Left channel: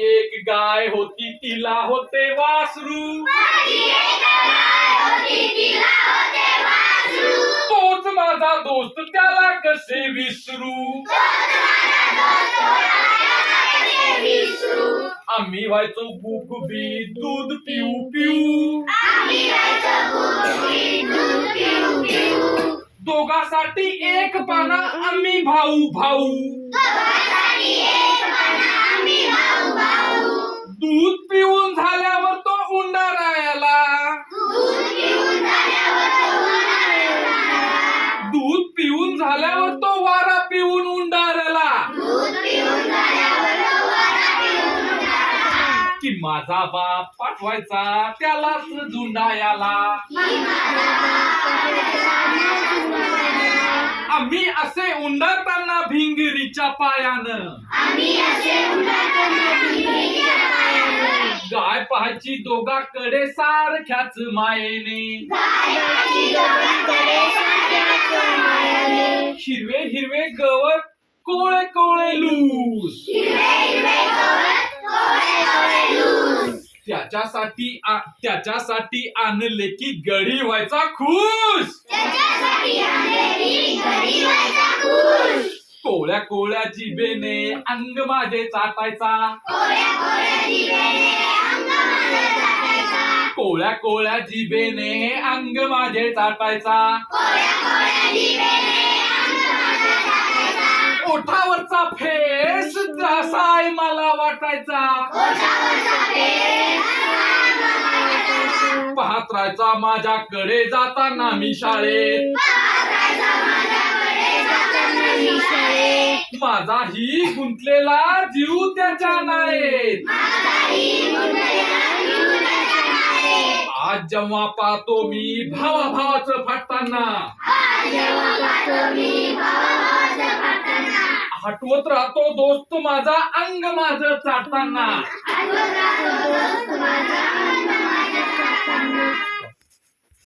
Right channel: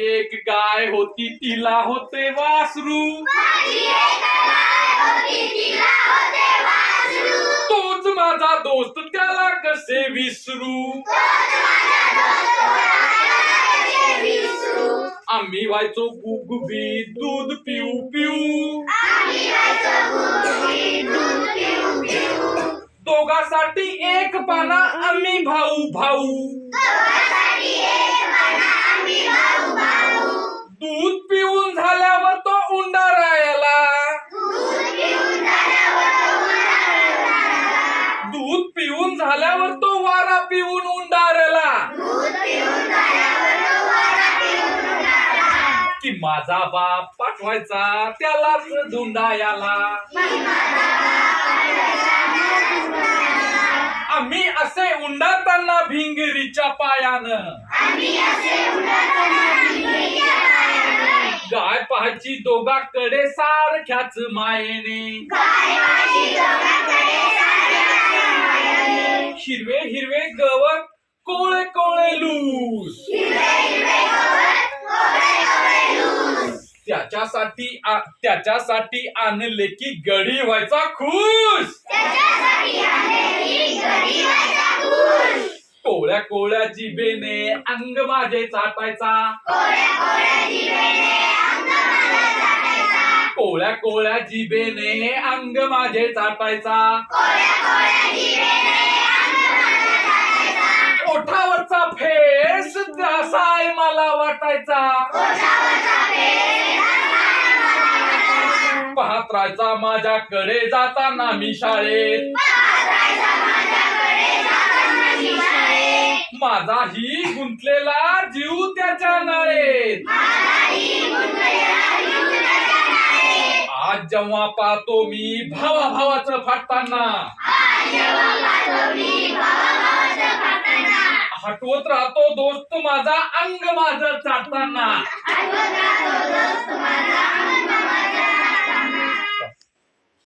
एक गाय होती तिला होते वासरू. तोच माझा दोस्त त्याला कसे विसरू? आम्ही व्हायचो गुगबी दूध पिऊ पिऊ. दोघासाठी एक पाना आम्ही भाऊ भाऊ. की माझा बाप पाठवायचा त्यालाच धुंडायाला. आम्ही असे उंडरताना भिंगरीच्या पायानं. गाय पाहायची दोघा कडे सारख्याच मायेने. हिरवे हिरवे गवत कोळे कोळे त्याच्यासाठी त्याच्यासाठी आणले की गडी व्हायचा खुश कोळ्या कोळ्या जिबेने अंग माझे चाटायचा. कोळ्या कोळ्या जिबेने अंग माझे चाटायचा. ओठावरचा फेस त्यासाय मला वाटायचा. पाहत माझ्याकडे जाताना मी शाळेत. माझाही गुंतलेला जीव त्याच्या नाळेत आज जेव्हा पाहतो मी भावा भावाचं फाटताना. हटवत राहतो दोस्त माझा अंग माझं चाटताना.